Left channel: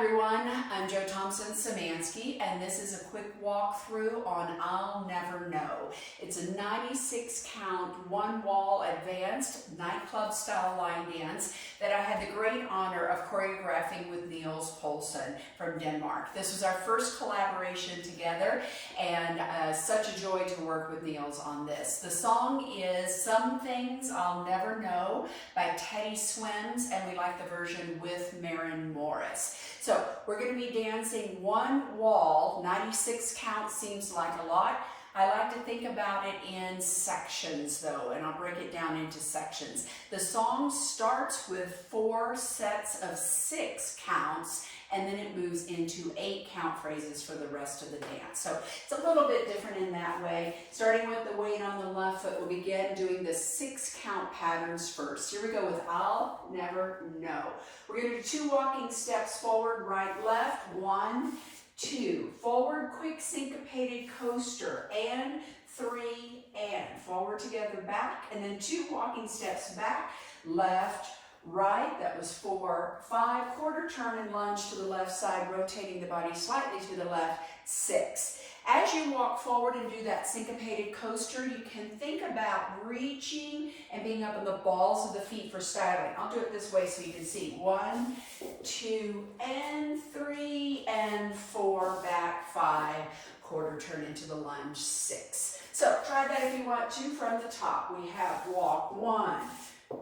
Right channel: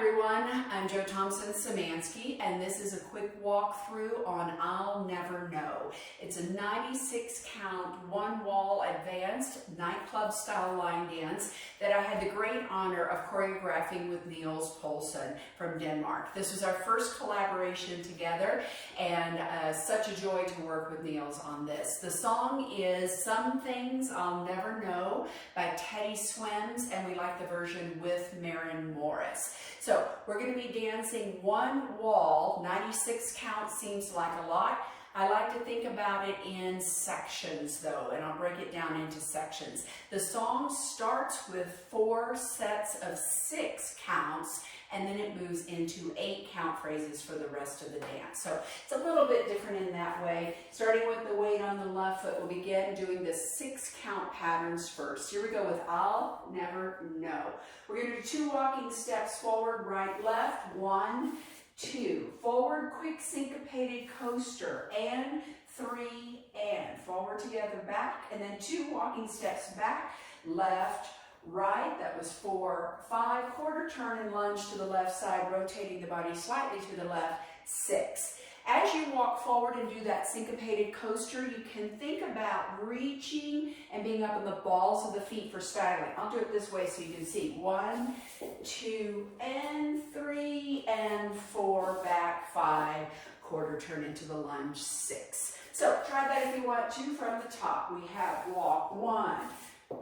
everyone, I'm Szymanski, and this is a quick walkthrough on I'll Never Know. It's a 96 count, one wall advanced nightclub style line dance that I had the great honor of choreographing with Niels Poulsen from Denmark. This was our first collaboration together, and such a joy to work with Niels on this. The song is Some Things I'll Never Know by Teddy Swims, and we like the version with Maren Morris. So we're going to be dancing one wall. 96 counts seems like a lot. I like to think about it in sections though, and I'll break it down into sections. The song starts with 4 sets of 6 counts, and then it moves into 8 count phrases for the rest of the dance. So it's a little bit different in that way. Starting with the weight on the left foot, we'll begin doing the 6 count patterns first. Here we go with I'll Never Know. We're going to do 2 walking steps forward, right, left, 1, 2, forward, quick syncopated coaster, and 3, and forward together, back, and then 2 walking steps back, left, right, that was 4, 5, quarter turn and lunge to the left side, rotating the body slightly to the left, 6. As you walk forward and do that syncopated coaster, you can think about reaching and being up in the balls of the feet for styling. I'll do it this way so you can see. 1, 2, and 3, and 4, back, 5, quarter turn into the lunge, 6. So try that if you want to from the top. We have walk 1,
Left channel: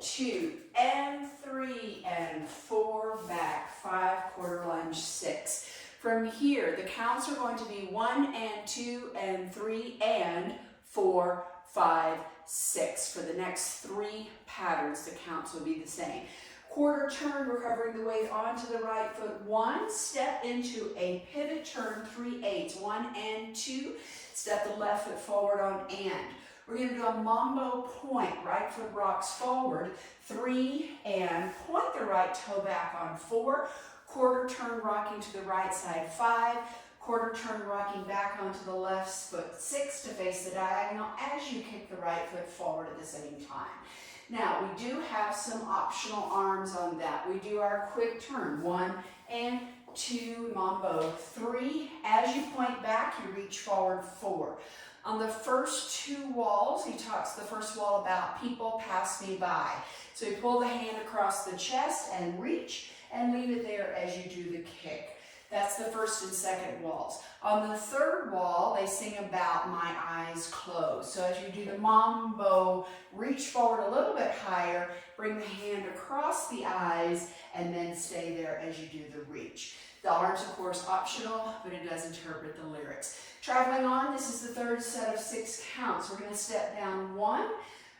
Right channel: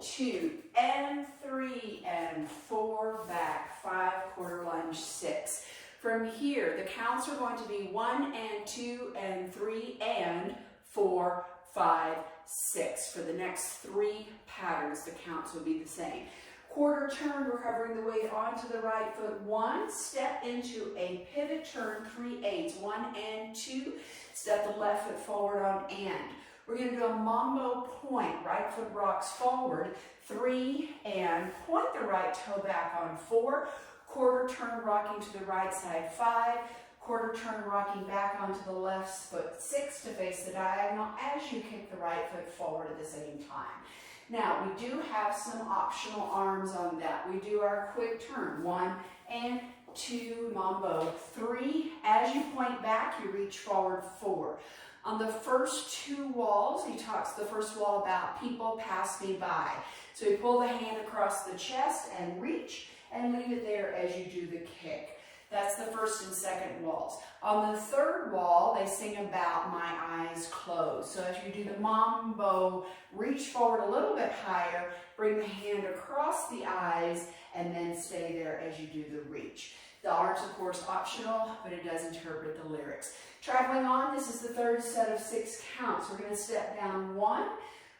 2, and 3, and 4, back, 5, quarter lunge, 6. From here, the counts are going to be 1, and 2, and 3, and 4, 5, 6. For the next 3 patterns, the counts will be the same. Quarter turn, recovering the weight onto the right foot. 1, step into a pivot turn, 3/8. 1 and 2, step the left foot forward on and. We're going to do a mambo point. Right foot rocks forward, 3, and point the right toe back on 4. Quarter turn rocking to the right side, 5. Quarter turn rocking back onto the left foot, 6 to face the diagonal as you kick the right foot forward at the same time. Now, we do have some optional arms on that. We do our quick turn, 1 and 2, mambo, 3. As you point back, you reach forward, 4. On the first 2 walls, he talks the first wall about people pass me by. So you pull the hand across the chest and reach, and leave it there as you do the kick. That's the first and second walls. On the third wall, they sing about my eyes closed. So as you do the mambo, reach forward a little bit higher, bring the hand across the eyes, and then stay there as you do the reach. The arms, of course, optional, but it does interpret the lyrics. Traveling on, this is the third set of 6 counts. We're going to step down 1,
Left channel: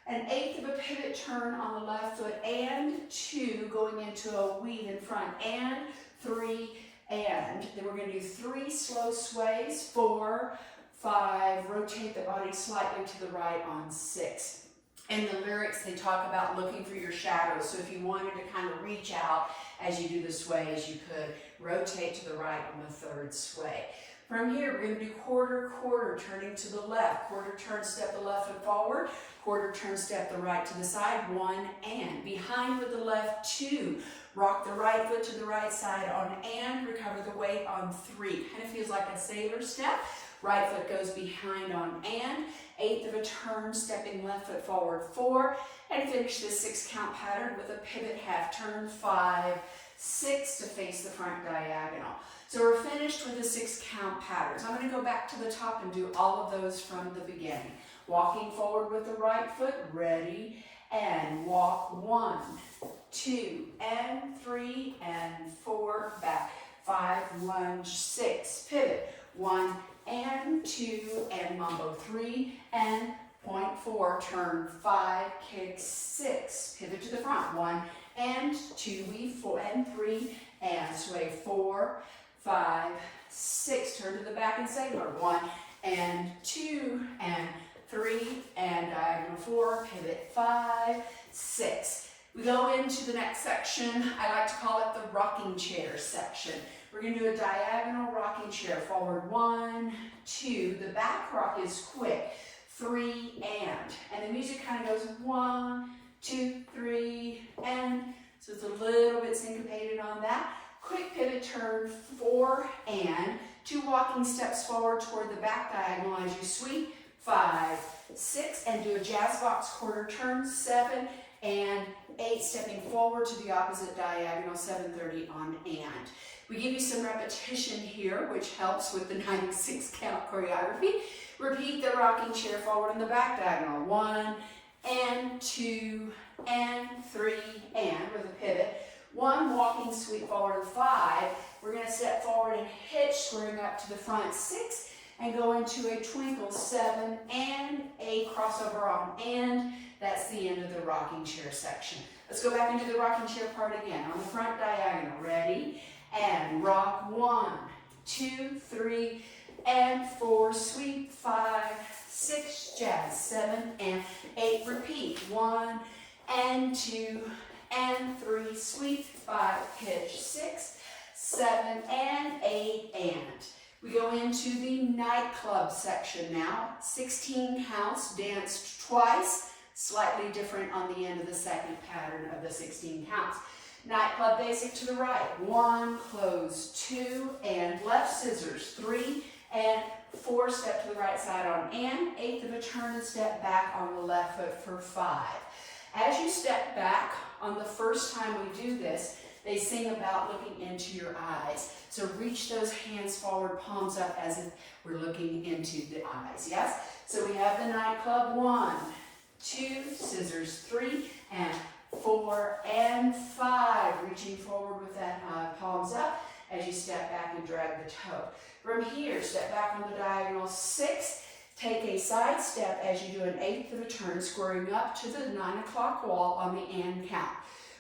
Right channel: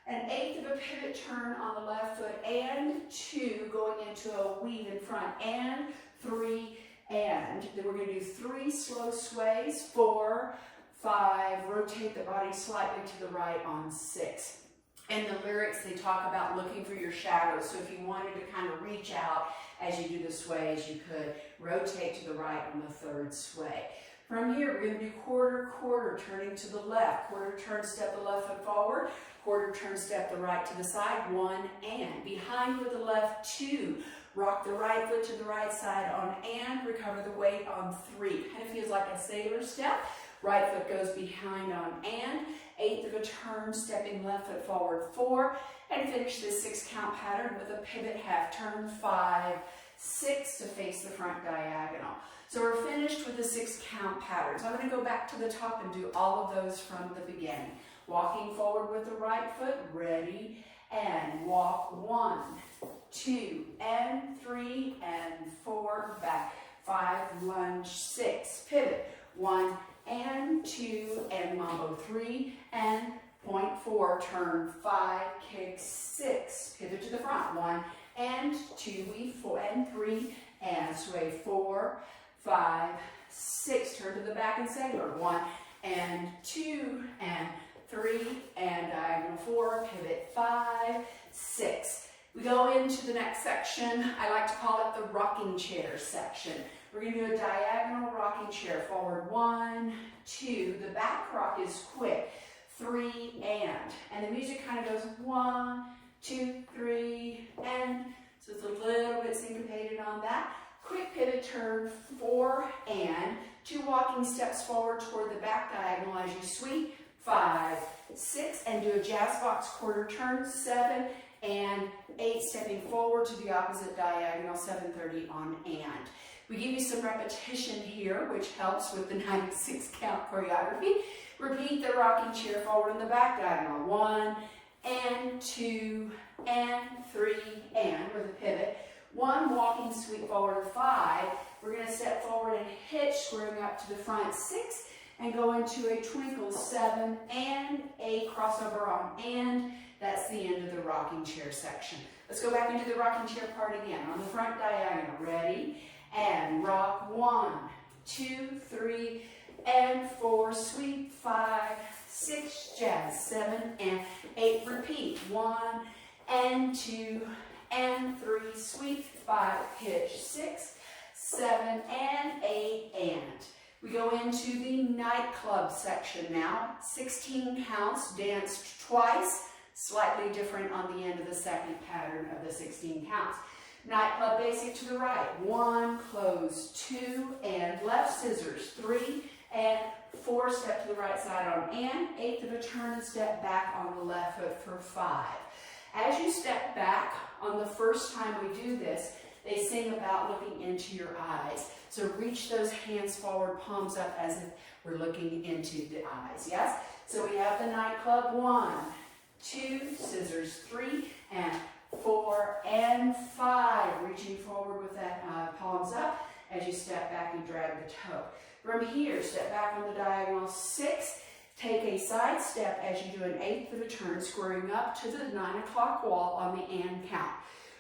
an 1/8 of a pivot turn on the left foot, and 2, going into a weave in front, and 3, and. Then we're going to do 3 slow sways, 4, 5, rotate the body slightly to the right on 6. In the lyrics, they talk about looking for your shadows. So if you wanted to kind of reach out as you do the sways, you could rotate to the right on the 3rd sway. From here, we're going to do quarter, quarter, turning to the left. Quarter turn, step the left foot forward. Quarter turn, step the right to the side. 1, and. Behind with the left, 2. Rock the right foot to the right side on and. Recover the weight on 3. Kind of feels like a sailor step. Right foot goes behind on and. 1/8 of a turn, stepping left foot forward, 4. And finish this 6 count pattern with a pivot half turn, 5, 6 to face the front diagonal. So we're finished with the 6 count patterns. I'm going to go back to the top and do all of those from the beginning. Walking forward with the right foot, ready, and walk 1, 2, and 3, and 4, back, 5, lunge, 6, pivot, 1, and 2, and mambo, 3, and point 4, turn, 5, kick, 6, pivot to the front, 1, and 2, weave, 4, and 3, and sway, 4, 5, 6, turn to the back and sailor, 1, and 2, and 3, and diagonal 4, pivot 5, 6. We go into the next section. I like to call it the rocking chair section. We're going to do a diagonal rocking chair. Forward 1, 2. The back rock is quick. 3, and the music kind of goes 1, 2, 3, and. So it's a little bit syncopated on that. quick pivot turn, 4 and 2 walking steps forward toward the back diagonal as you sweep, 5, 6, and do a jazz box quarter turn, 7 and 8, stepping forward to the opposite diagonal, 7:30 on and. We give you some repetition here, which helps with the 96 count choreography. Repeat the rocking chair forward in the back diagonal, 1 and 2 and 3 and with a pivot. 1 walking sweep forward, 5. We're going to step forward and hitch, squaring up to the front, 6, and go into a twinkle, 7 and 8, crossover on and. That's the end of the rocking chair section. Let's go back into the rocking chair part again. On the front diagonal, ready? And rock, 1, 2, 3, and 4, sweep, 5, 6, jazz, 7 and 8, repeat, 1 and 2 and 3, sweep, 5, hitch, 6, 7 and 8, and. We go into the nightclub section now. 16 counts, danced twice, slightly different on the end of the second pattern of the 16 counts. Nightclub basic to the right, 1, close, 2, and left scissors, 3, and 4, step to the right side on and, 8th of a turn and step back on the left foot for 5. As you step back on the first time we do this, they sing about looking into your eyes. So reach those hands forward, palms up as if we're looking into the eyes, yes? So we have the nightclub, 1, 2, scissors, 3, and 4 and 5. Reaching forward with that palms up as you step back and drag the toe. From here, step back on the diagonal, 6. Take a side step as you do an 8th of a turn, squaring up to the 9 o'clock wall on the and count.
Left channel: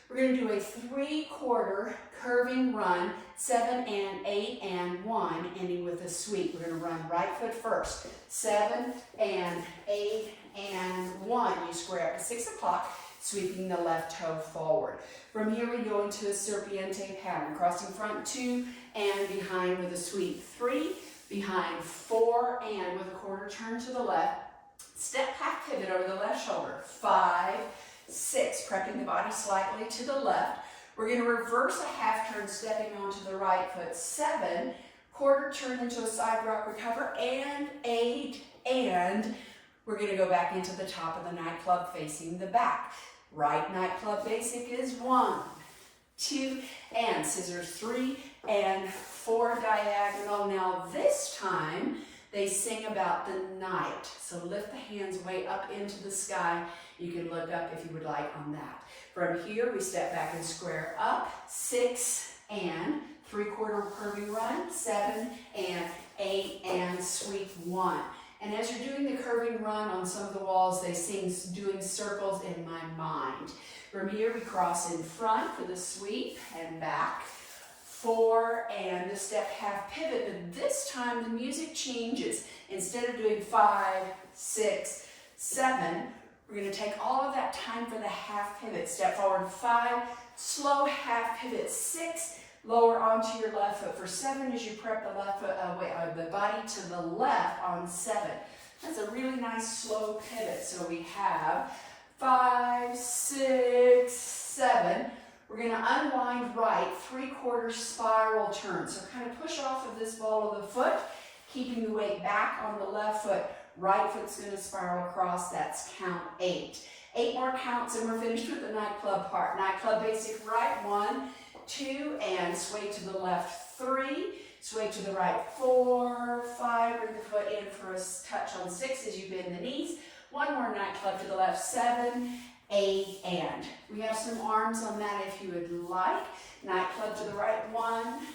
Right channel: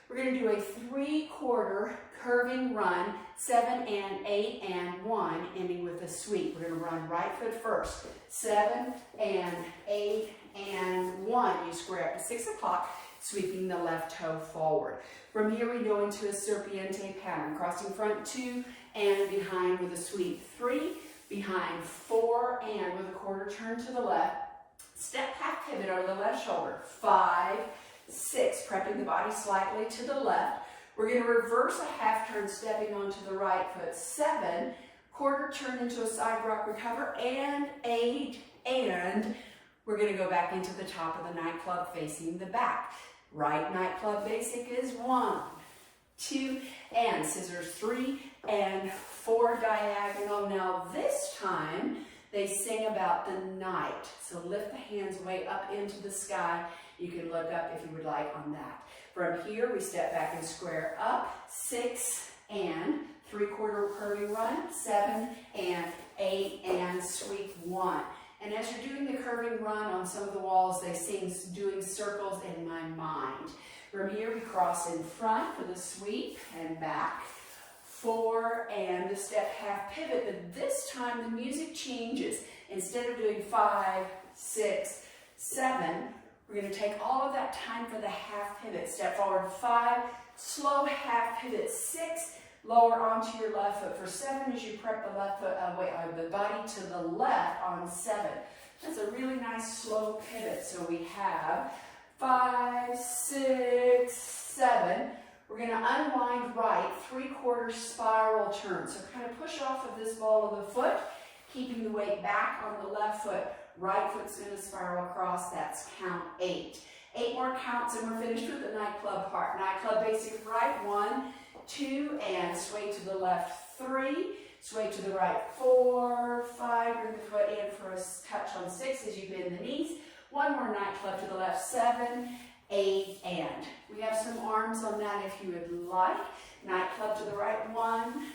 We're going to do a 3/4 curving run, 7 and 8 and 1, ending with a sweep. We're going to run right foot first, 7 and 8 and 1. You square up to 6 o'clock, sweeping the left toe forward. From here we go into a serpiente pattern, crossing front 2 and behind with a sweep, 3, behind 4 and with a quarter turn to the left, step half pivot over the left shoulder, 5, 6, prepping the body slightly to the left. We're going to reverse a half turn, stepping onto the right foot, 7, quarter turn into a side rock recover, and 8, and we're going to go back into the top of the nightclub facing the back. Right nightclub basic is 1, 2, and scissors, 3, and 4 diagonal. Now this time they sing about the night. So lift the hands way up into the sky. You can look up if you would like on that. From here we step back and square up, 6 and 3/4 curving run, 7 and 8 and sweep 1. And as you're doing the curving run on some of the walls, they sing doing circles in my mind. From here we cross in front for the sweep and back, 4 and the step half pivot, but this time the music changes. Instead of doing 5, 6, 7, we're going to take all of that time for the half pivot. Step forward 5, slow half pivot 6, lower onto your left foot for 7 as you prep the left foot the body to the left on 7. That's a really nice slow pivot. So we have 5, 6, 7. We're going to unwind right, 3/4 spiral turn. So kind of push off of this ball of the foot, keeping the weight back on the left foot. Right foot's going to spiral across. That's count 8. 8 more counts and we're finished with the nightclub part. Nightclub basic right, 1, 2, and sway to the left, 3, sway to the right, 4, 5, bring the foot in for a touch on 6 as you bend the knees. 1 more nightclub to the left, 7, 8, and. We have some arms on that if you would like. Nightclub to the right, 1,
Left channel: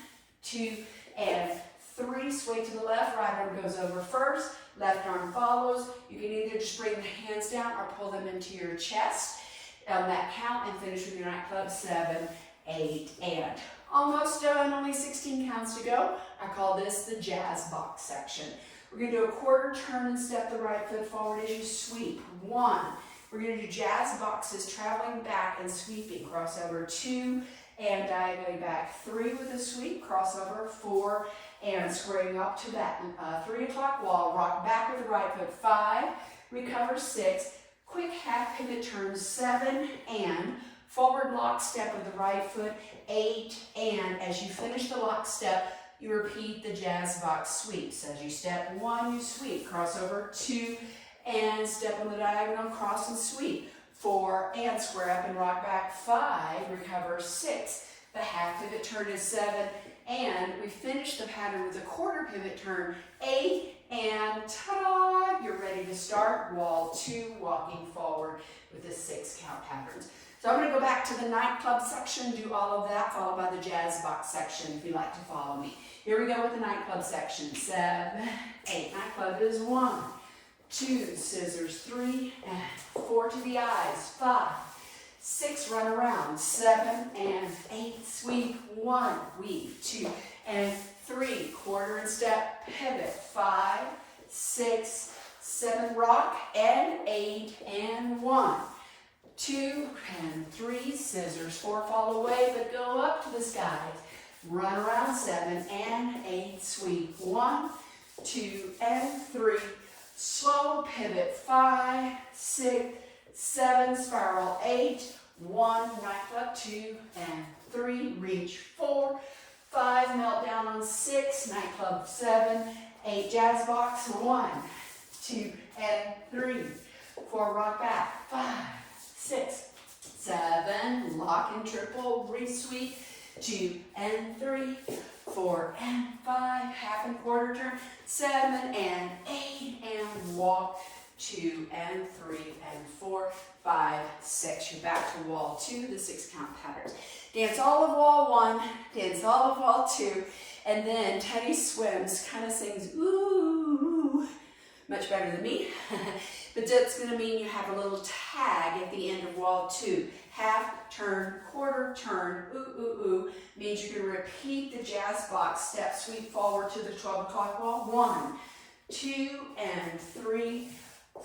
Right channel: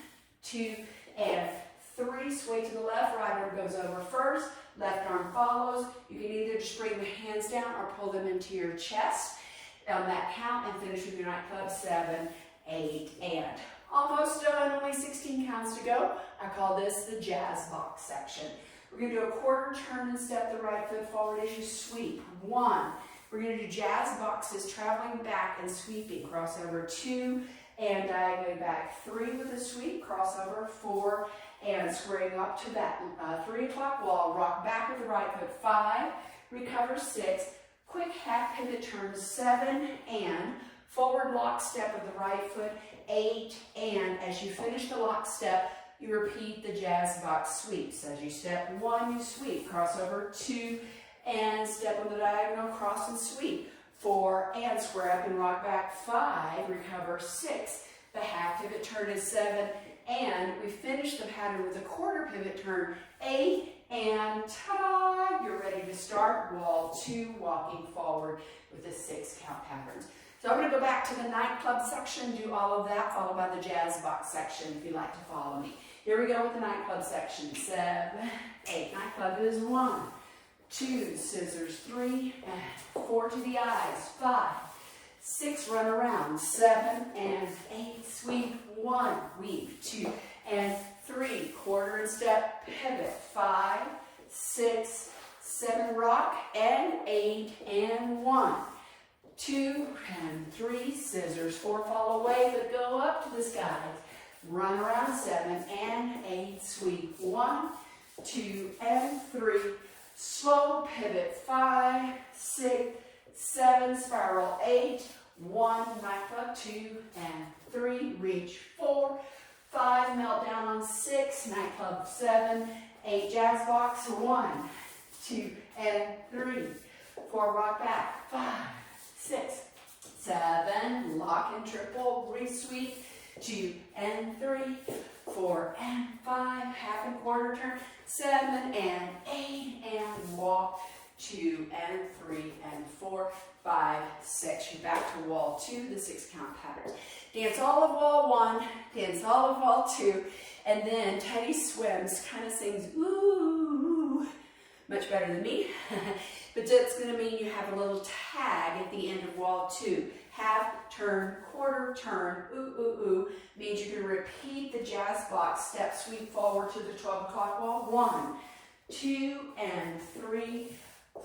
2, and 3, sway to the left, right arm goes over first, left arm follows. You can either just bring the hands down or pull them into your chest on that count and finish with your nightclub, 7, 8, and. Almost done, only 16 counts to go. I call this the jazz box section. We're going to do a quarter turn and step the right foot forward as you sweep. 1. We're going to do jazz boxes, traveling back and sweeping. Crossover 2 and diagonally back. 3 with a sweep, crossover 4 and squaring up to that 3 o'clock wall. Rock back with the right foot. 5, recover 6. Quick half pivot turn, 7 and Forward lock step with the right foot, 8, and as you finish the lock step, you repeat the jazz box sweeps. As you step 1, you sweep, cross over 2, and step on the diagonal, cross and sweep. 4, and square up and rock back. 5, recover. 6, the half pivot turn is 7, and we finish the pattern with a quarter pivot turn. 8, and ta-da! You're ready to start wall 2, walking forward with the 6 count patterns. So I'm going to go back to the nightclub section, do all of that, followed by the jazz box section if you'd like to follow me. Here we go with the nightclub section. 7, 8. Nightclub is 1, 2, scissors, 3, and 4 to the eyes. 5, 6, run around. 7 and 8, sweep. 1, weave. 2 and 3, quarter and step, pivot. 5, 6, 7, rock, and 8 and 1. 2 and 3, scissors, 4, fall away, but go up to the skies. Run around. 7 and 8, sweep. 1, 2 and 3, slow pivot. 5, 6, 7, spiral. 8, 1, nightclub. 2 and 3, reach. 4, 5, melt down on 6, nightclub. 7, 8, jazz box. 1, 2 and 3, 4, rock back. 5, 6, 7, lock and triple, re-sweep. 2 and 3, 4 and 5, half and quarter turn. 7 and 8, and walk. 2 and 3 and 4, 5, 6. You're back to wall 2, the 6 count patterns. Dance all of wall 1, dance all of wall 2, and then Teddy Swims kind of sings ooh, much better than me. But that's going to mean you have a little tag at the end of wall 2. Half, turn, quarter, turn, ooh, ooh, ooh. Means you can repeat the jazz box step, sweep forward to the 12 o'clock wall. 1, 2, and 3,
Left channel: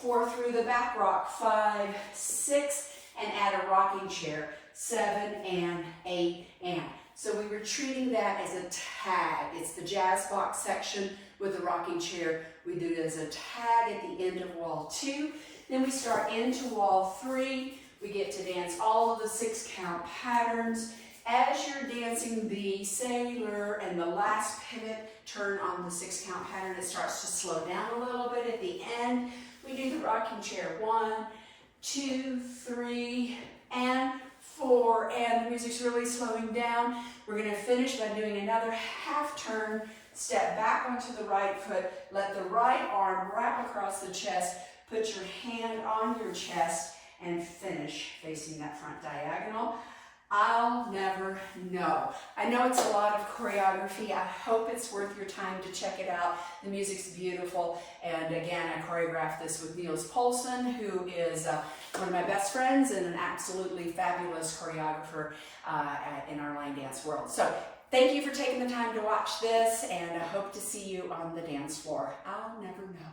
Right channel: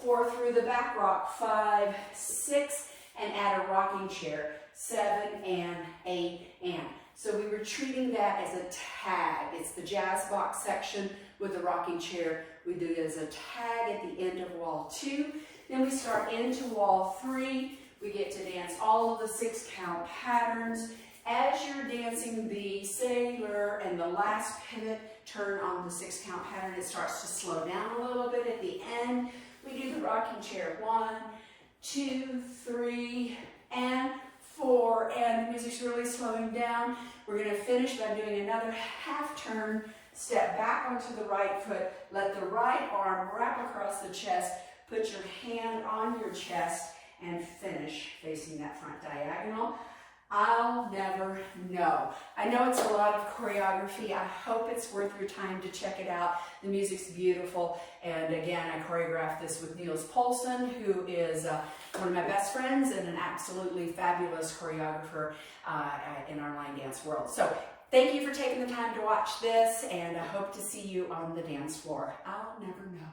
4 through the back rock. 5, 6, and add a rocking chair. 7 and 8 and. So we were treating that as a tag. It's the jazz box section with the rocking chair. We do it as a tag at the end of wall 2. Then we start into wall 3. We get to dance all of the 6 count patterns. As you're dancing the sailor and the last pivot turn on the 6 count pattern, it starts to slow down a little bit. At the end, we do the rocking chair. 1, 2, 3, and 4, and the music's really slowing down. We're going to finish by doing another half turn, step back onto the right foot, let the right arm wrap across the chest, put your hand on your chest, and finish facing that front diagonal. I'll never know. I know it's a lot of choreography. I hope it's worth your time to check it out. The music's beautiful. And again, I choreographed this with Niels Poulsen, who is one of my best friends and an absolutely fabulous choreographer in our line dance world. So thank you for taking the time to watch this, and I hope to see you on the dance floor. I'll never know.